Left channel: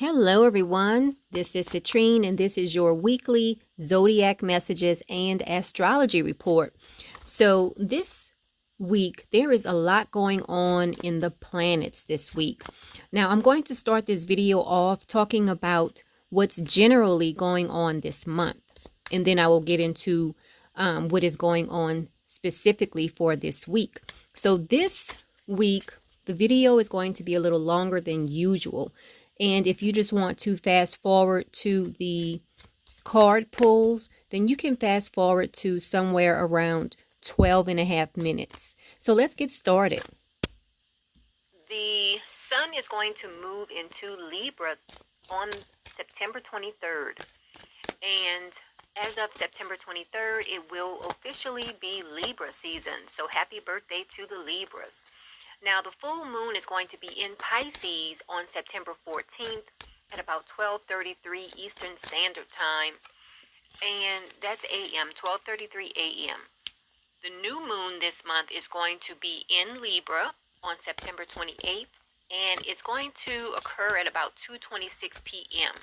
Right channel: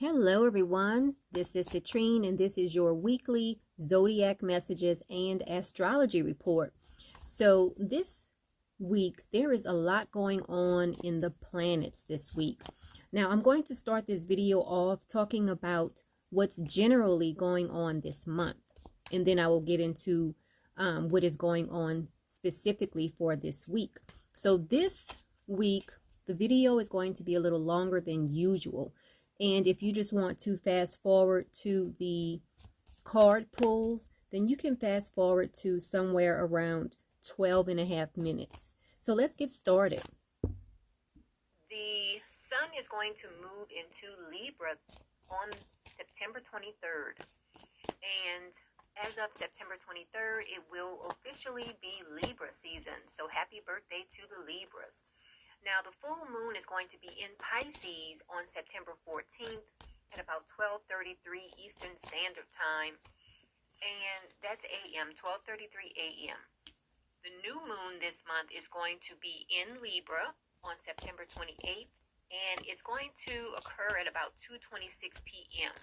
Hello, everyone. This is Citrine, and this is your weekly Zodiac messages and astrology report. So, this week, there is a lot going on in the planets this week. Now, I'm going to start this video off talking about what's generally going on this month, and then I will get into what is going on specifically for this week. So, this week, the video is going to be a little longer than usual. And if you just want to fast forward to the card pulls, then you can fast forward to somewhere around 12 and a half minutes. So let's get started. The sun is going to move into Libra on September 23rd. And as of September 23rd, it will officially be Libra season. So happy birthday to the Libras. Now, the full moon is going to be in Pisces on September 14th at about 12:33 Eastern Standard Time. And that's a.m., 12:33 a.m. The new moon this month is going to be in Libra on September 28th, and it's going to occur at about 2:26 p.m.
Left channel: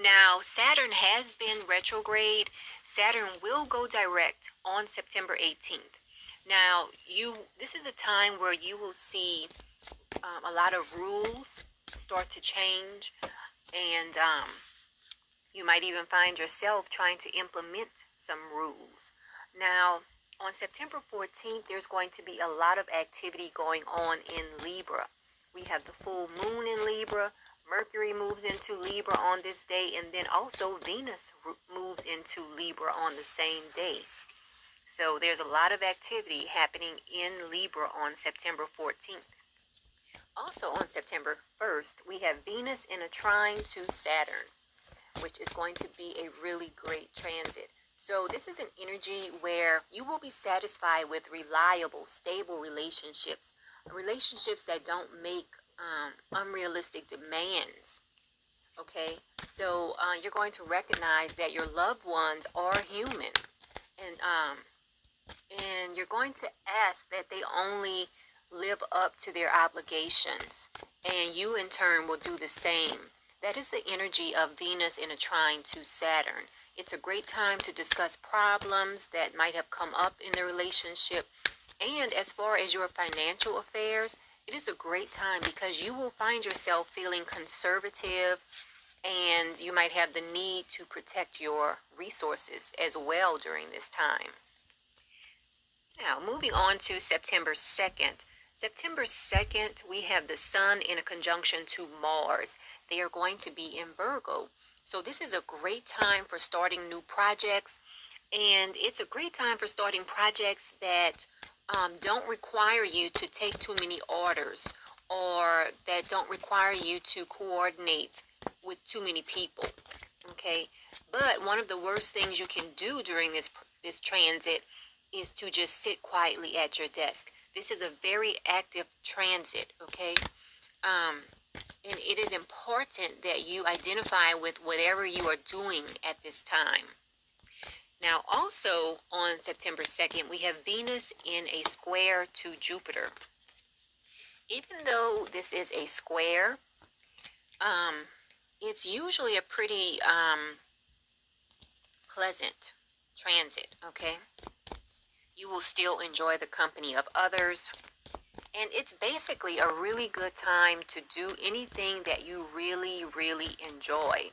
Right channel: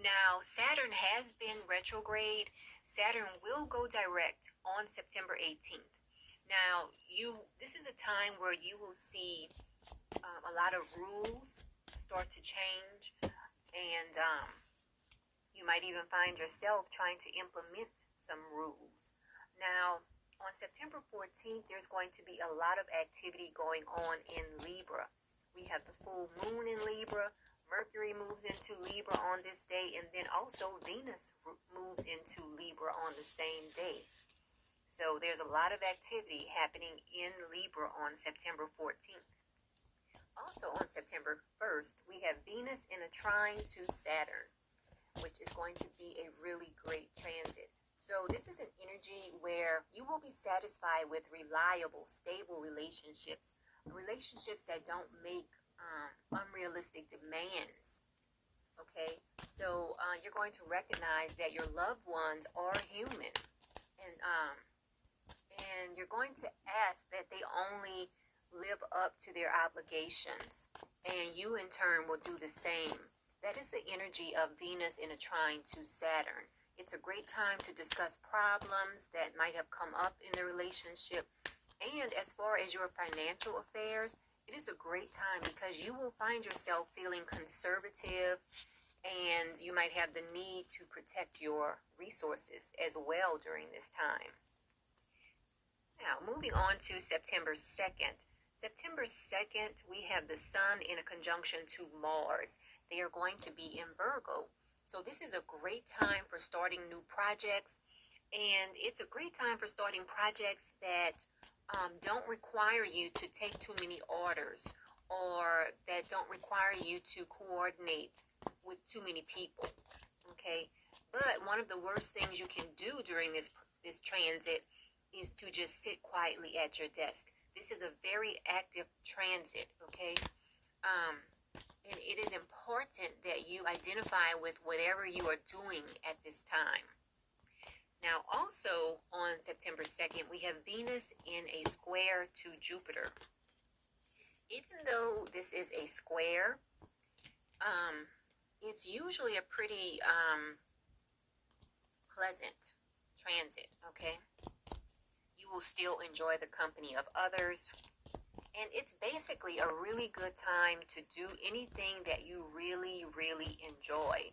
Now, Saturn has been retrograde. Saturn will go direct on September 18th. Now, this is a time where you will see a lot of rules start to change, and you might even find yourself trying to implement some rules. Now, on September 14th, there's going to be a lot of activity going on in Libra. We have the full moon in Libra. Mercury moves into Libra on this day, and then also Venus moves into Libra on the same day. So there's a lot of activity happening in Libra on September 14th. Also on September 1st, we have Venus in a trine to Saturn, which is going to be a really great transit. So this is an energy where you will be satisfied with reliable, stable relationships that don't make unrealistic demands. Okay, so you're going to recognize that your loved ones are human, and you're going to ask that they only live up to their obligations, and you in turn will do the same. That is the energy of Venus in a trine to Saturn. It's a great time to discuss problems that might have come up in the relationship. And as far as your financial affairs, it is a great time because you will find yourself feeling conservative, and you might have the need to protect your resources as well during this time. Now, moving on to September 2nd. September 2nd, we have the sun in a conjunction to Mars. They are going to be in Virgo. So this is a great time for starting new projects. And it's a great time for starting projects that don't require you to take too many orders, or that don't require you to coordinate with too many people. Okay? But one of the worst things you can do during this transit is to just sit quietly at your desk. This is a very active transit, okay? And it is important that you identify with whatever you are doing at this time. Now, also on September 2nd, we have Venus in a square to Jupiter. Even though this is a square, it's usually a pretty pleasant transit, okay? You will still enjoy the company of others. And it's basically a really good time to do anything that you really, really enjoy.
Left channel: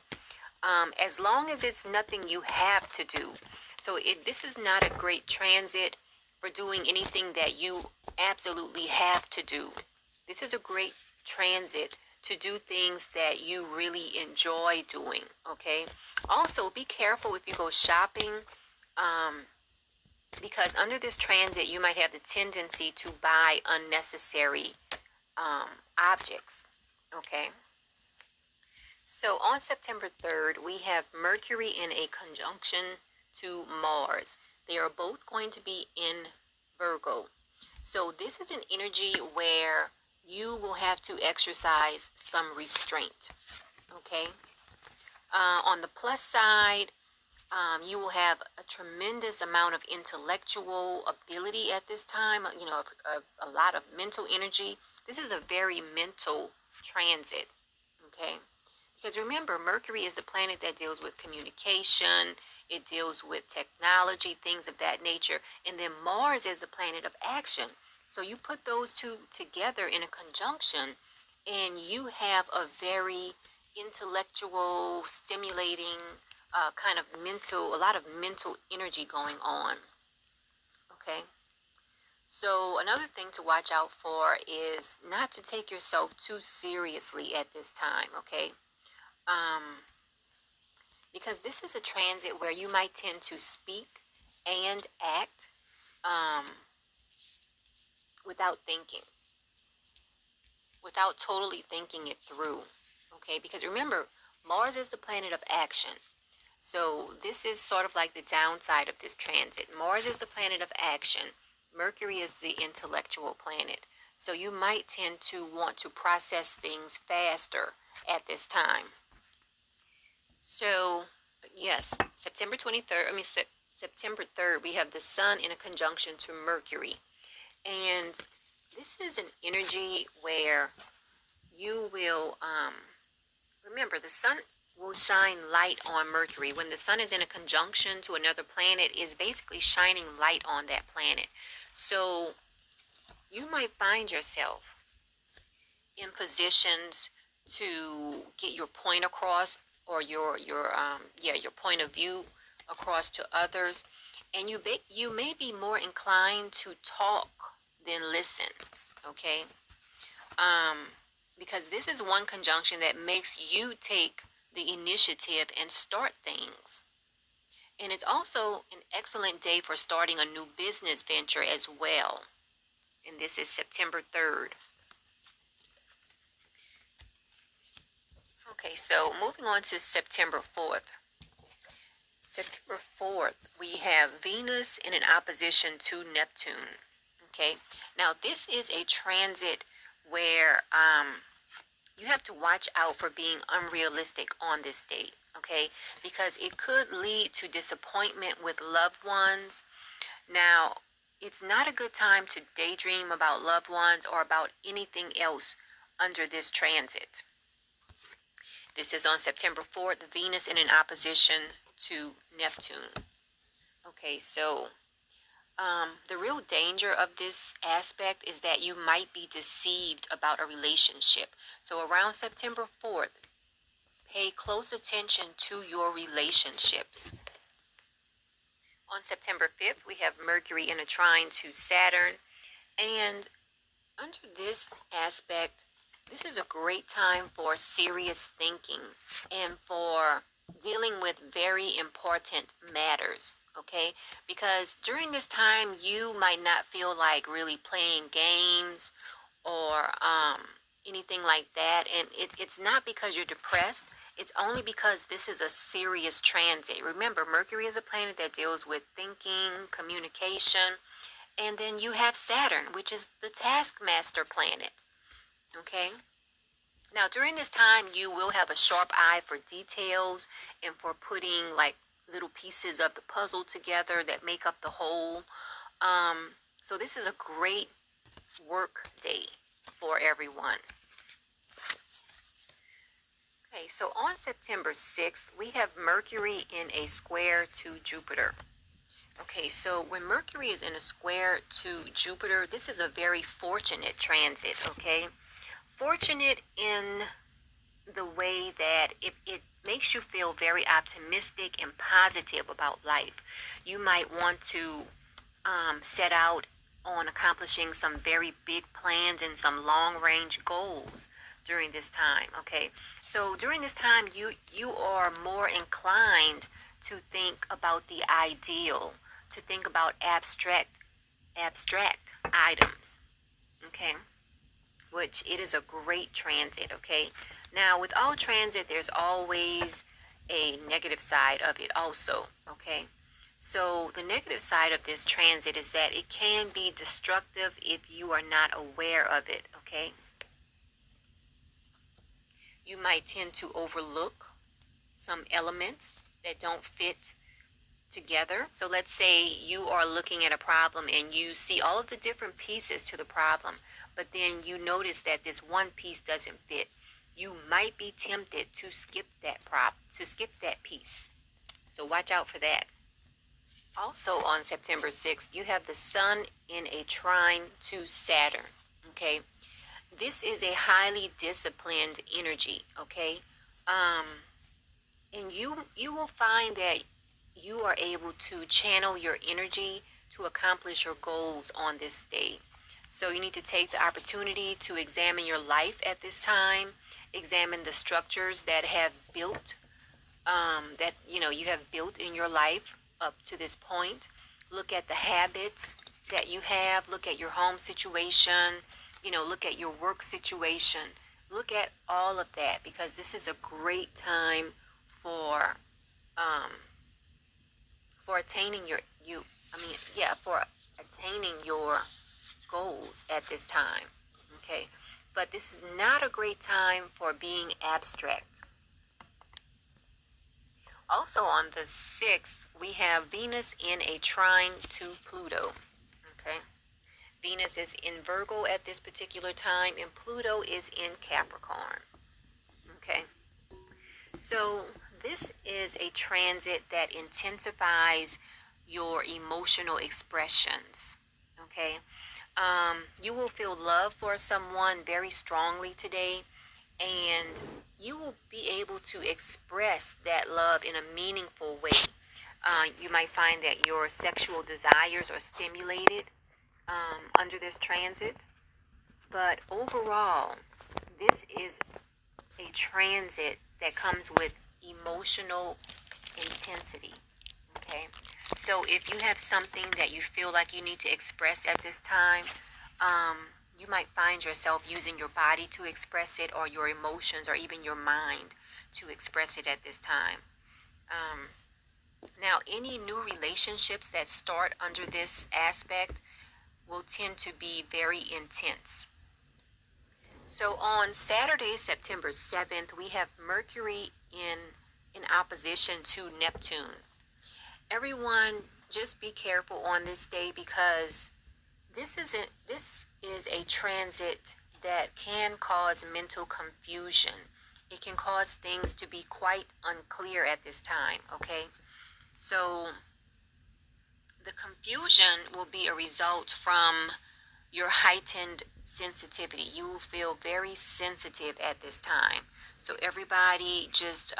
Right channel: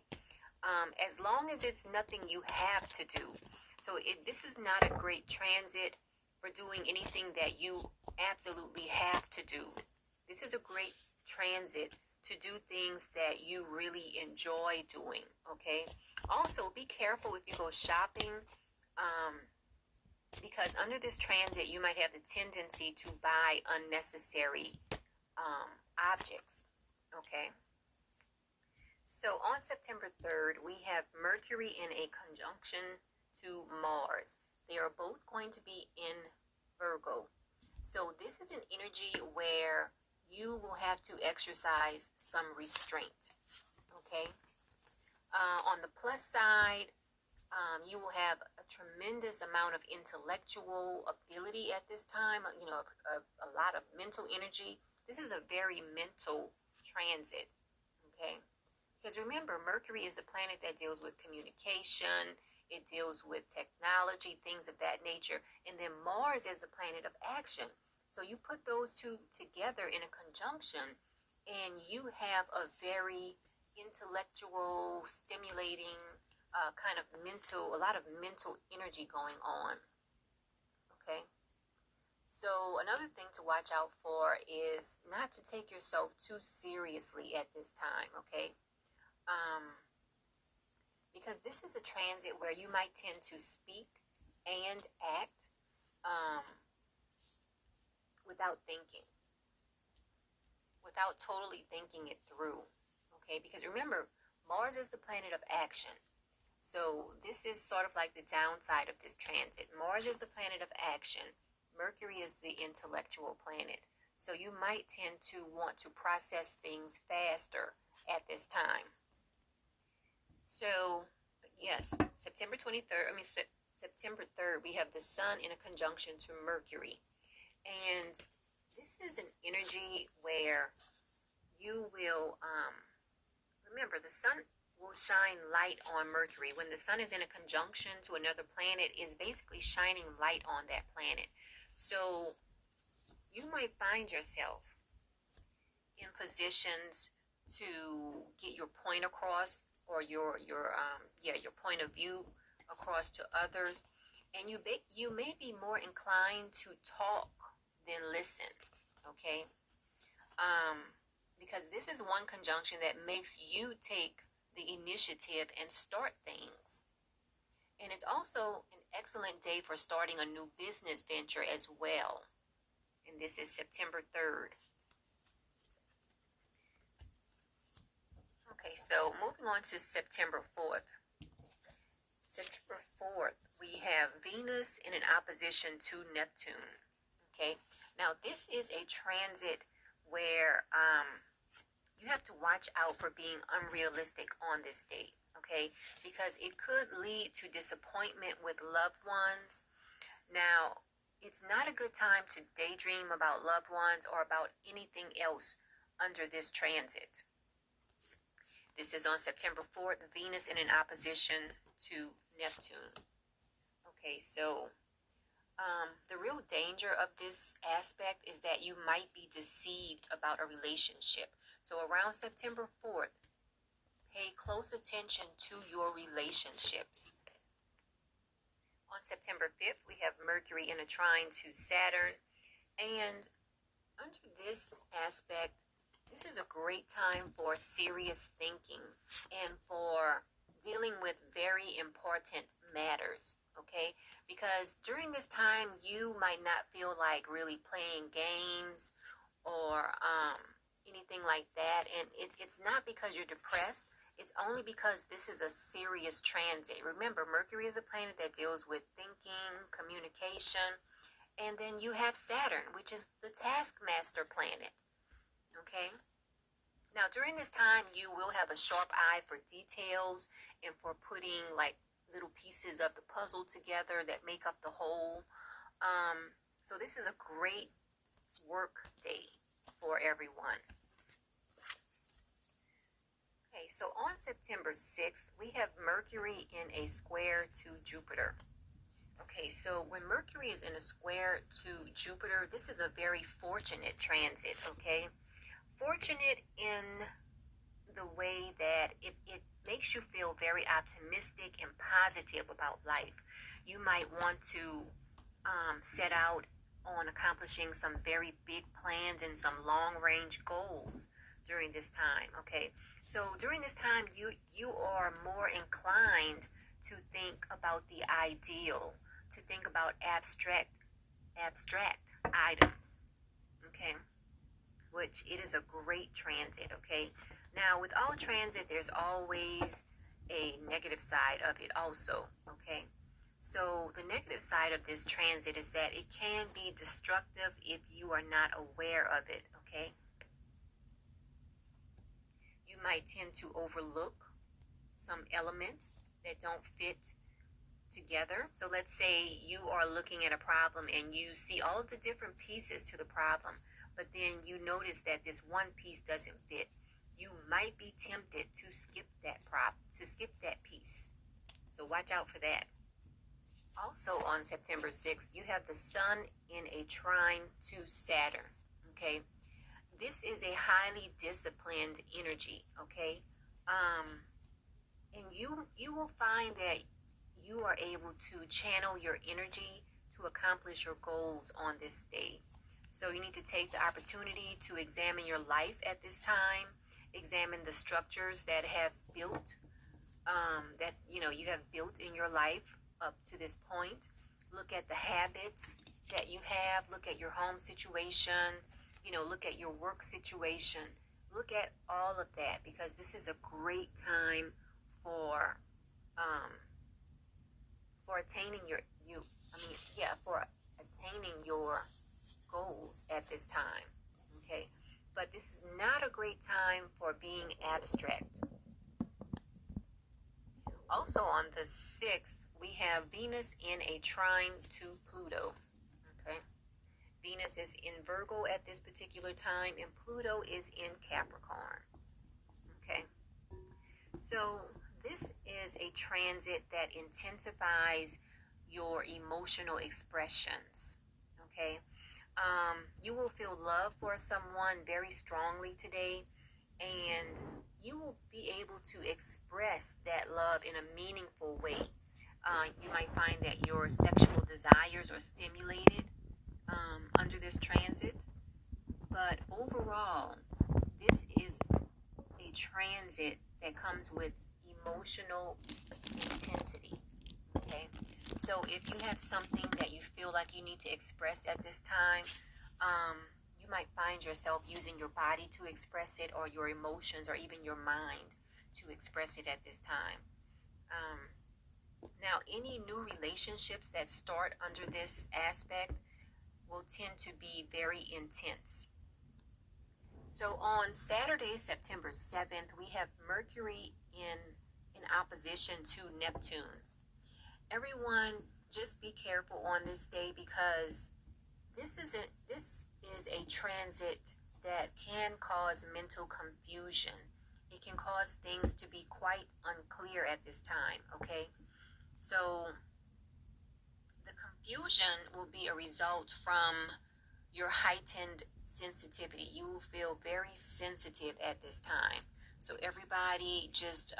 As long as it's nothing you have to do. So this is not a great transit for doing anything that you absolutely have to do. This is a great transit to do things that you really enjoy doing, okay? Also, be careful if you go shopping, because under this transit, you might have the tendency to buy unnecessary objects, okay? So on September 3rd, we have Mercury in a conjunction to Mars. They are both going to be in Virgo. So this is an energy where you will have to exercise some restraint, okay? On the plus side, you will have a tremendous amount of intellectual ability at this time, a lot of mental energy. This is a very mental transit, okay? Because remember, Mercury is the planet that deals with communication, it deals with technology, things of that nature. And then Mars is the planet of action. So you put those two together in a conjunction, and you have a very intellectual, stimulating, kind of a lot of mental energy going on. Okay. So another thing to watch out for is not to take yourself too seriously at this time. Okay. Um, because this is a transit where you might tend to speak and act um, without thinking, without totally thinking it through. Okay, because remember, Mars is the planet of action. So this is sort of like the downside of this transit. Mars is the planet of action. Mercury is the intellectual planet. So you might tend to want to process things faster at this time. So, yes, September 23rd, September 3rd, we have the Sun in a conjunction to Mercury. And this is an energy where you will, remember, the Sun will shine light on Mercury. When the Sun is in a conjunction to another planet, is basically shining light on that planet. So, you might find yourself in positions to get your point across, or your point of view across to others, and you may be more inclined to talk than listen. Okay, because this is one conjunction that makes you take the initiative and start things. And it's also an excellent day for starting a new business venture as well. And this is September 3rd. Okay, so moving on to September 4th. September 4th, we have Venus in an opposition to Neptune. Okay, now this is a transit where you have to watch out for being unrealistic on this date. Okay, because it could lead to disappointment with loved ones. Now, it's not a good time to daydream about loved ones or about anything else under this transit. This is on September 4th, Venus in an opposition to Neptune. Okay, so the real danger of this aspect is that you might be deceived about a relationship. So around September 4th, pay close attention to your relationships. On September 5th, we have Mercury in a trine to Saturn. And under this aspect, this is a great time for serious thinking and for dealing with very important matters, okay? Because during this time, you might not feel like really playing games or anything like that. And it's not because you're depressed. It's only because this is a serious transit. Remember, Mercury is a planet that deals with thinking, communication, and then you have Saturn, which is the taskmaster planet. Okay? Now, during this time, you will have a sharp eye for details and for putting like little pieces of the puzzle together that make up the whole. So this is a great work day for everyone. Okay, so on September 6th, we have Mercury in a square to Jupiter. Okay, so when Mercury is in a square to Jupiter, this is a very fortunate transit, okay? Fortunate in the way that it makes you feel very optimistic and positive about life. You might want to set out on accomplishing some very big plans and some long-range goals during this time, okay? So during this time, you are more inclined to think about the ideal, to think about abstract items, okay? Which it is a great transit, okay? Now, with all transit, there's always a negative side of it also, okay? So the negative side of this transit is that it can be destructive if you are not aware of it, okay? You might tend to overlook some elements that don't fit together. So let's say you are looking at a problem and you see all of the different pieces to the problem, but then you notice that this one piece doesn't fit. you might be tempted to skip that piece. So watch out for that. Also on September 6th, you have the sun in a trine to Saturn. Okay. This is a highly disciplined energy. Okay. And you will find that you are able to channel your energy to accomplish your goals on this day. So you need to take the opportunity to examine your life at this time, examine the structures that have built, that you have built in your life up to this point. Look at the habits that you have. Look at your home situation. Look at your work situation. Look at all of that, because this is a great time for attaining for attaining your goals at this time. Okay, but this is not a great time for being abstract. Also on the 6th, we have Venus in a trine to Pluto. Okay, Venus is in Virgo at this particular time, and Pluto is in Capricorn. Okay, so this is a transit that intensifies your emotional expressions. Okay, you will feel love for someone very strongly today, and you will be able to express that love in a meaningful way. You might find that your sexual desires are stimulated under this transit, but overall, this is a transit that comes with emotional intensity. Okay, so if you have something that you feel like you need to express at this time, you might find yourself using your body to express it, or your emotions, or even your mind to express it at this time. Now, any new relationships that start under this aspect will tend to be very intense. So on Saturday, September 7th, we have Mercury in opposition to Neptune. Everyone, just be careful on this day, because this is a transit that can cause mental confusion. It can cause things to be quite unclear at this time. Okay, so the confusion will be a result from your heightened sensitivity. You will feel very sensitive at this time. So everybody just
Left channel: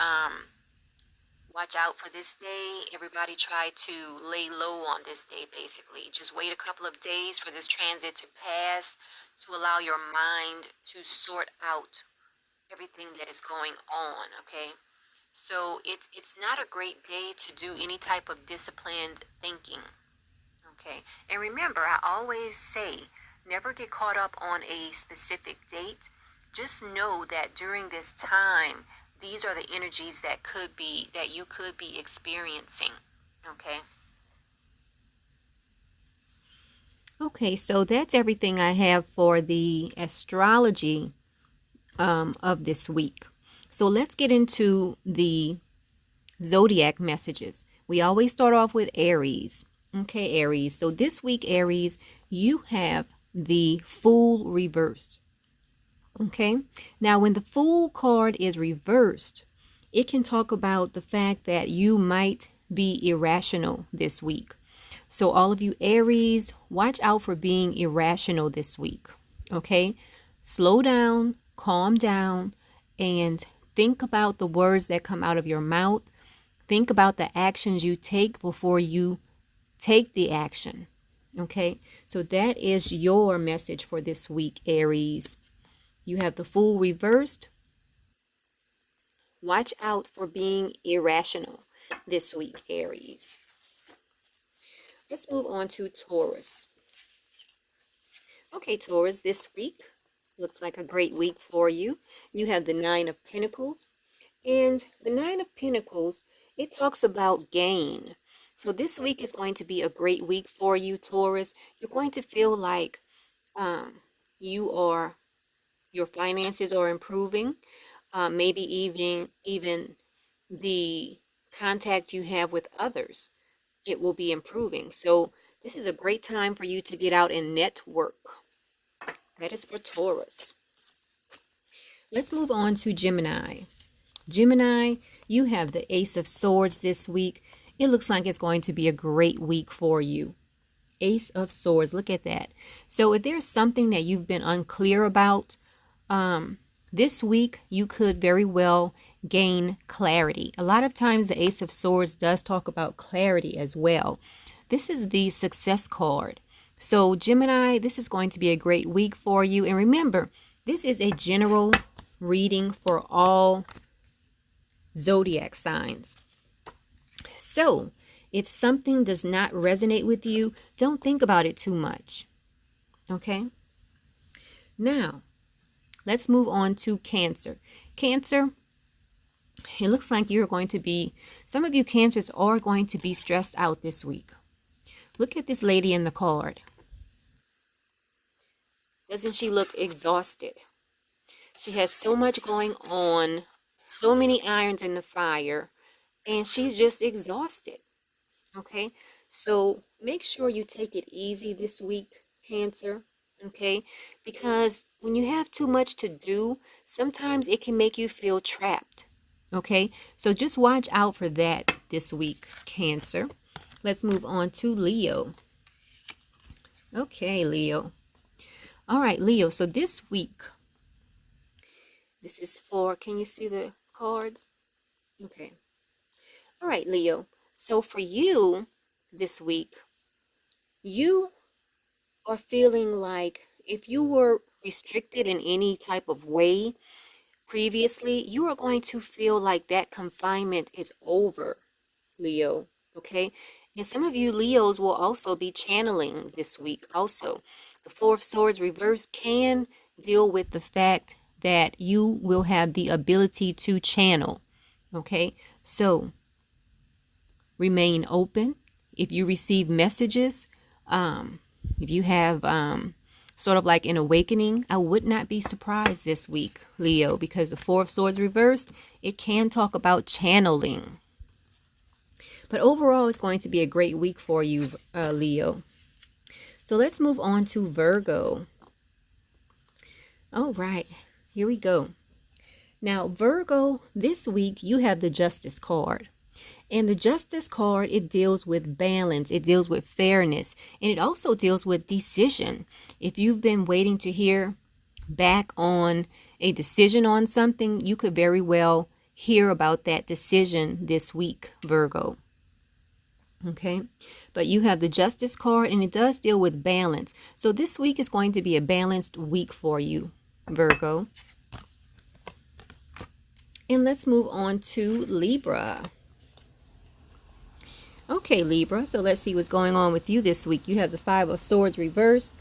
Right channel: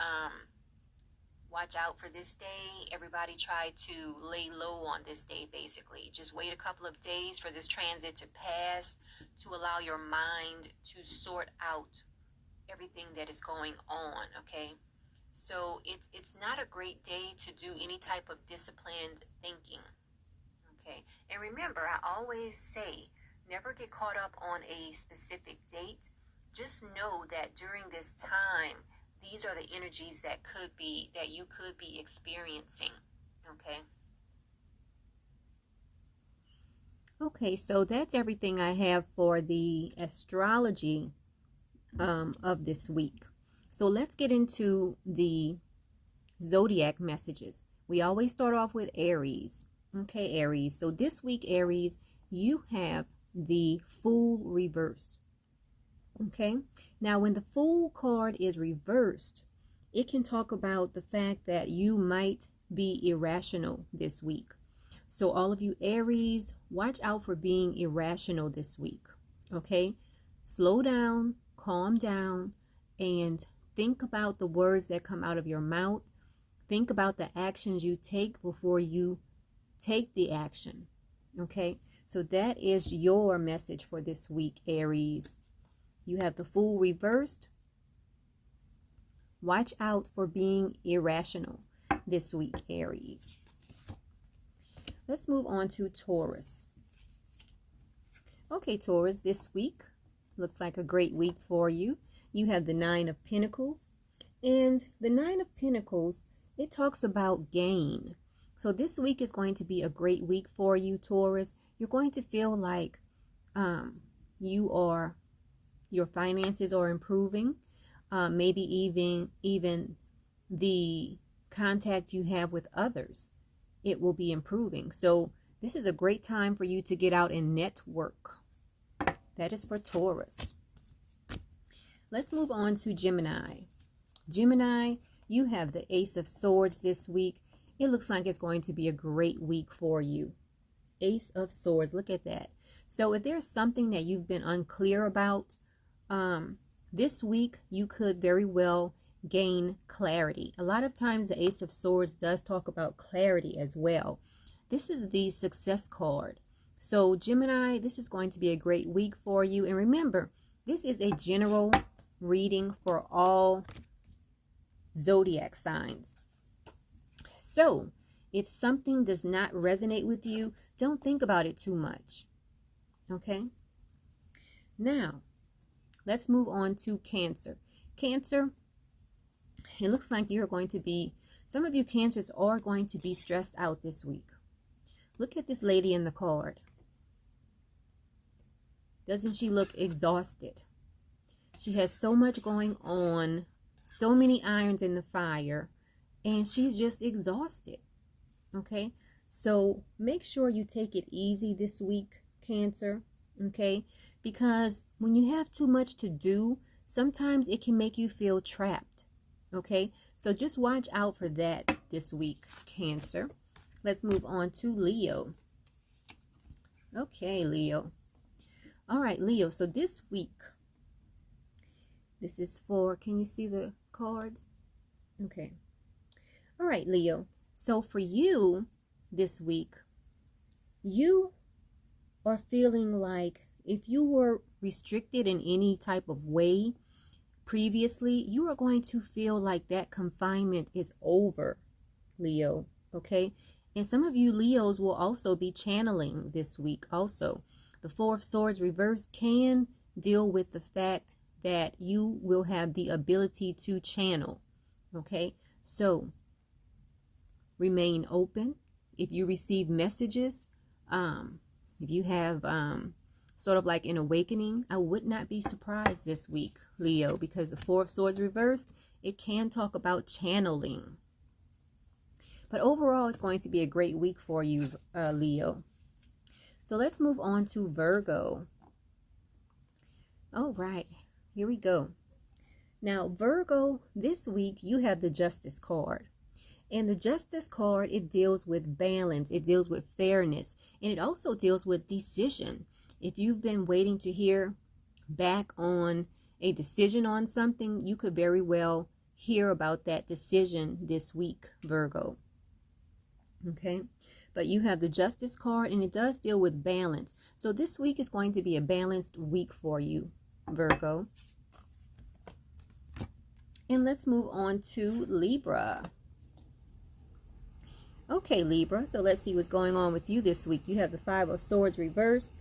watch out for this day. Everybody try to lay low on this day, basically. Just wait a couple of days for this transit to pass, to allow your mind to sort out everything that is going on, okay? So it's not a great day to do any type of disciplined thinking, okay? And remember, I always say, never get caught up on a specific date. Just know that during this time, these are the energies that you could be experiencing. Okay. Okay, so that's everything I have for the astrology of this week. So let's get into the zodiac messages. We always start off with Aries. Okay, Aries. So this week, Aries, you have the Fool reversed. Okay, now when the Fool card is reversed, it can talk about the fact that you might be irrational this week. So all of you Aries, watch out for being irrational this week. Okay, slow down, calm down, and think about the words that come out of your mouth. Think about the actions you take before you take the action. Okay, so that is your message for this week, Aries. You have the Fool reversed. Watch out for being irrational this week, Aries. Let's move on to Taurus. Okay, Taurus, this week looks like a great week for you. You have the Nine of Pentacles. And the Nine of Pentacles, it talks about gain. So this week is going to be a great week for you, Taurus. You're going to feel like your finances are improving. Maybe even the contact you have with others, it will be improving. So this is a great time for you to get out and network. That is for Taurus. Let's move on to Gemini. Gemini, you have the Ace of Swords this week. It looks like it's going to be a great week for you. Ace of Swords, look at that. So if there's something that you've been unclear about, this week you could very well gain clarity. A lot of times the Ace of Swords does talk about clarity as well. This is the success card. So Gemini, this is going to be a great week for you. And remember, this is a general reading for all zodiac signs. So if something does not resonate with you, don't think about it too much. Okay? Now, let's move on to Cancer. Cancer, it looks like you're going to be, some of you Cancers are going to be stressed out this week. Look at this lady in the card. Doesn't she look exhausted? She has so much going on, so many irons in the fire, and she's just exhausted. Okay? So make sure you take it easy this week, Cancer. Okay? Because when you have too much to do, sometimes it can make you feel trapped. Okay? So just watch out for that this week, Cancer. Let's move on to Leo. Okay, Leo. All right, Leo. So this week, this is for, can you see the cards? Okay. All right, Leo. So for you this week, you are feeling like if you were restricted in any type of way previously, you are going to feel like that confinement is over, Leo. Okay? And some of you Leos will also be channeling this week also. The Four of Swords reverse can deal with the fact that you will have the ability to channel. Okay? So remain open. If you receive messages, if you have sort of like an awakening, I would not be surprised this week, Leo, because the Four of Swords reversed, it can talk about channeling. But overall, it's going to be a great week for you, Leo. So let's move on to Virgo. All right, here we go. Now, Virgo, this week, you have the Justice card. And the Justice card, it deals with balance. It deals with fairness. And it also deals with decision. If you've been waiting to hear back on a decision on something, you could very well hear about that decision this week, Virgo. Okay, but you have the Justice card, and it does deal with balance. So this week is going to be a balanced week for you, Virgo. And let's move on to Libra. Okay, Libra, so let's see what's going on with you this week. You have the Five of Swords reversed,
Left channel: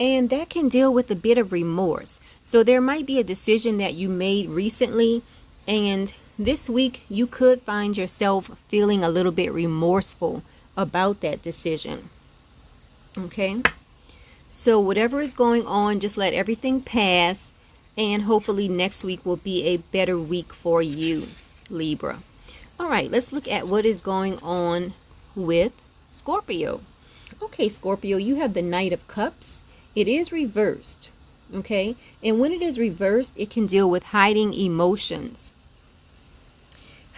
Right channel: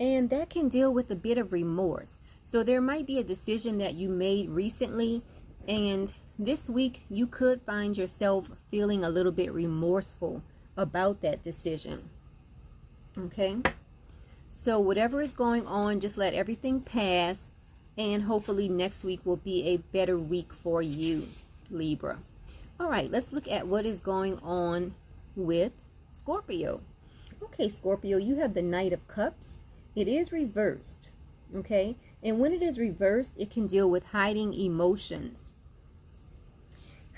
and that can deal with a bit of remorse. So there might be a decision that you made recently, and this week you could find yourself feeling a little bit remorseful about that decision. Okay? So whatever is going on, just let everything pass, and hopefully next week will be a better week for you, Libra. All right, let's look at what is going on with Scorpio. Okay, Scorpio, you have the Knight of Cups. It is reversed. Okay? And when it is reversed, it can deal with hiding emotions.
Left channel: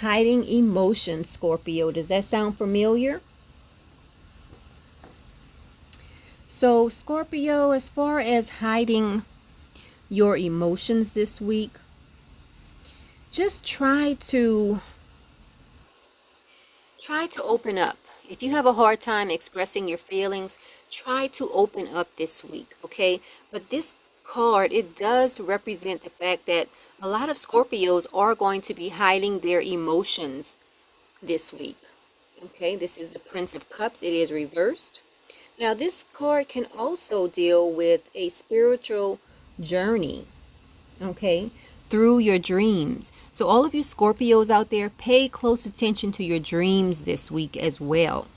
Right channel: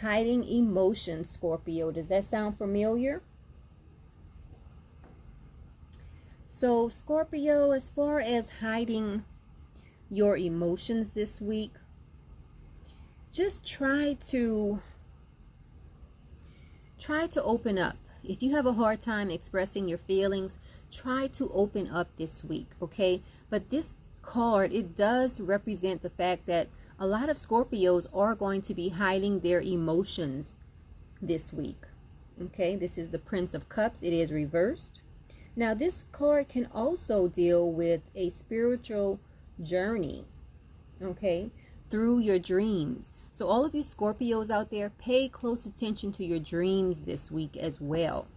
Hiding emotions, Scorpio. Does that sound familiar? So, Scorpio, as far as hiding your emotions this week, just try to open up. If you have a hard time expressing your feelings, try to open up this week, okay? But this card, it does represent the fact that a lot of Scorpios are going to be hiding their emotions this week. Okay, this is the Prince of Cups. It is reversed. Now, this card can also deal with a spiritual journey, okay, through your dreams. So all of you Scorpios out there, pay close attention to your dreams this week as well.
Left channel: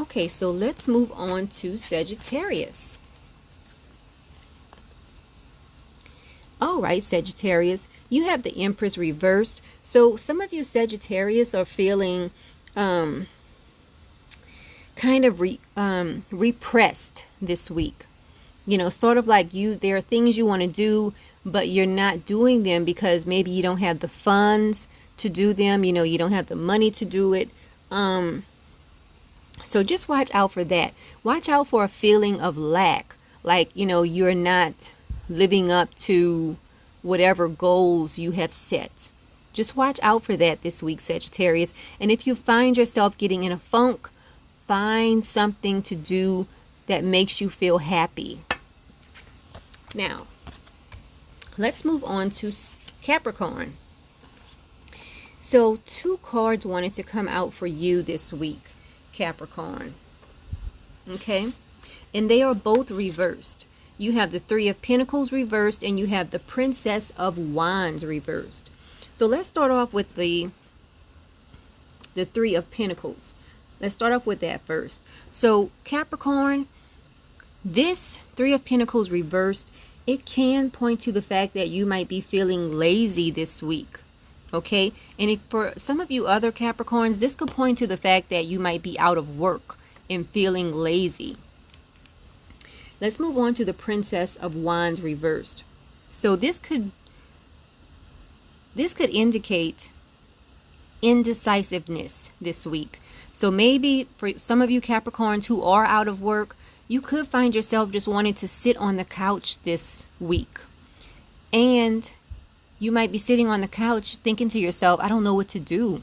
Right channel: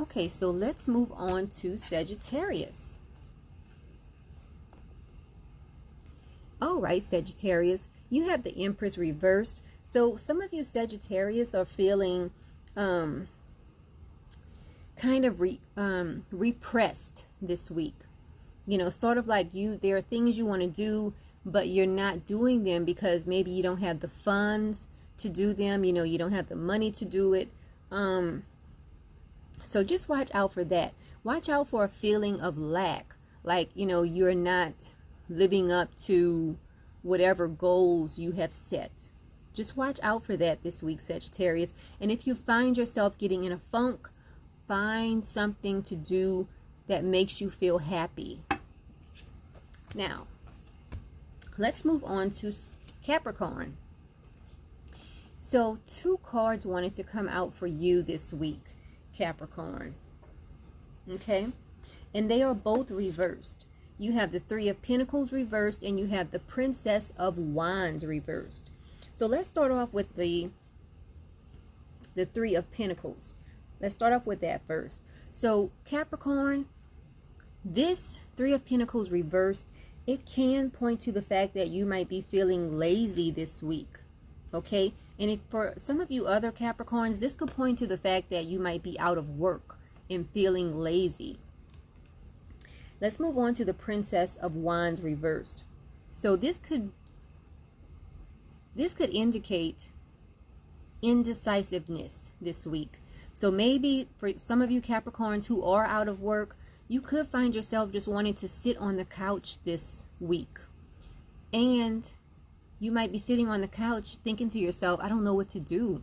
Okay, so let's move on to Sagittarius. All right, Sagittarius, you have the Empress reversed. So some of you Sagittarius are feeling kind of repressed this week. You know, sort of like there are things you want to do, but you're not doing them because maybe you don't have the funds to do them. You know, you don't have the money to do it. So just watch out for that. Watch out for a feeling of lack, like, you know, you're not living up to whatever goals you have set. Just watch out for that this week, Sagittarius. And if you find yourself getting in a funk, find something to do that makes you feel happy. Now, let's move on to Capricorn. So 2 cards wanted to come out for you this week, Capricorn. Okay? And they are both reversed. You have the 3 of Pentacles reversed, and you have the Princess of Wands reversed. So let's start off with the 3 of Pentacles. Let's start off with that first. So Capricorn, this 3 of Pentacles reversed, it can point to the fact that you might be feeling lazy this week. Okay? And for some of you other Capricorns, this could point to the fact that you might be out of work and feeling lazy. Let's move on to the Princess of Wands reversed. So this could indicate indecisiveness this week. So maybe for some of you Capricorns who are out of work, you could find yourself just wanting to sit on the couch this week. And you might be sitting on the couch thinking to yourself, I don't know what to do.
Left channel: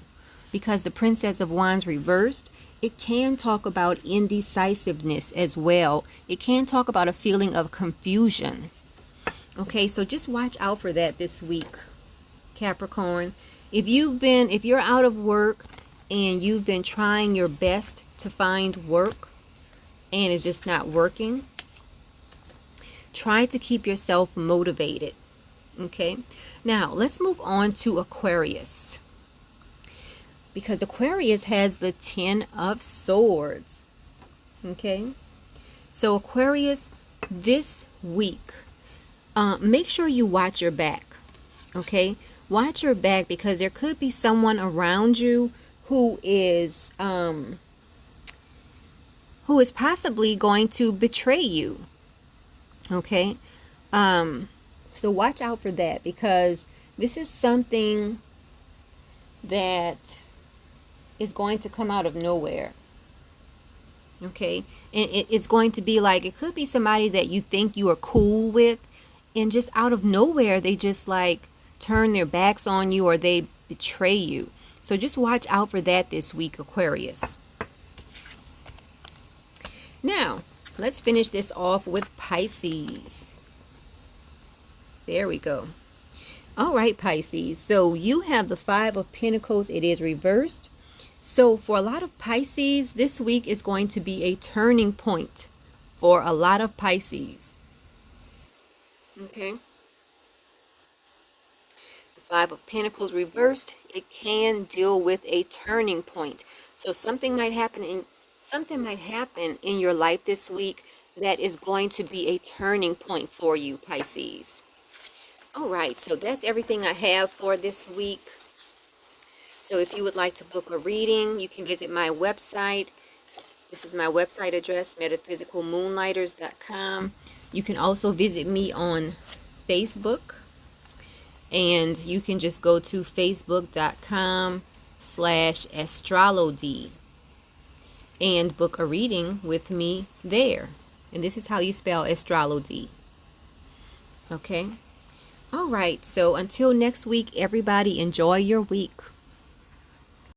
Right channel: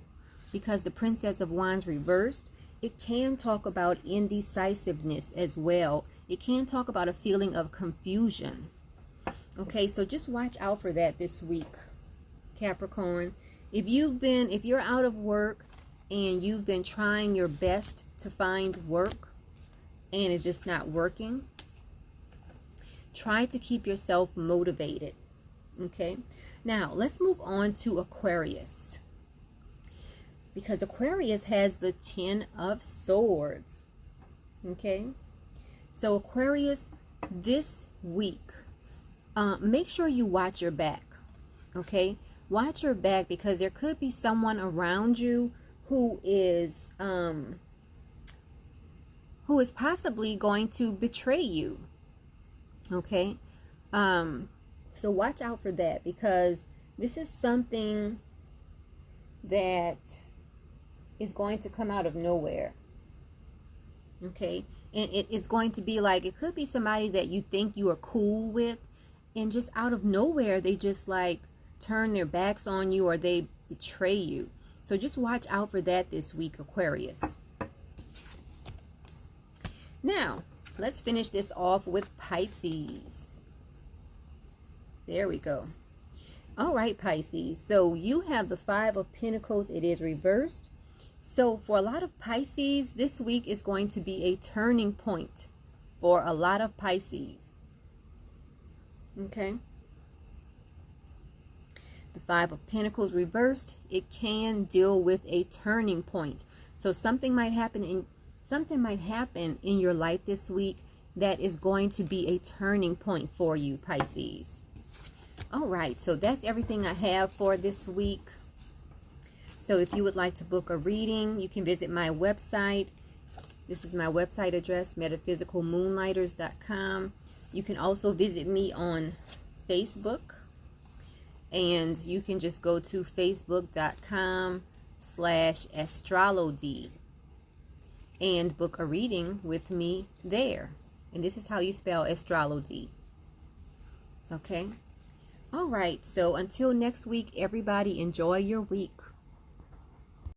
Because the Princess of Wands reversed, it can talk about indecisiveness as well. It can talk about a feeling of confusion. Okay, so just watch out for that this week, Capricorn. If you're out of work and you've been trying your best to find work and it's just not working, try to keep yourself motivated. Okay, now let's move on to Aquarius, because Aquarius has the 10 of Swords. Okay, so Aquarius, this week, make sure you watch your back. Okay, watch your back, because there could be someone around you who is possibly going to betray you. Okay, so watch out for that, because this is something that is going to come out of nowhere. Okay, and it's going to be like, it could be somebody that you think you are cool with, and just out of nowhere they just like turn their backs on you, or they betray you. So just watch out for that this week, Aquarius. Now let's finish this off with Pisces. There we go. All right, Pisces. So you have the 5 of Pentacles. It is reversed. So for a lot of Pisces, this week is going to be a turning point for a lot of Pisces. Okay. The 5 of Pentacles reversed, it can deal with a turning point. So something might happen in your life this week that is going to be a turning point for you, Pisces. All right, so that's everything I have for this week. So if you would like to book a reading, you can visit my website. This is my website address, metaphysicalmoonlighters.com. You can also visit me on Facebook, and you can just go to facebook.com/astrology and book a reading with me there. And this is how you spell astrology. Okay. All right, so until next week, everybody, enjoy your week.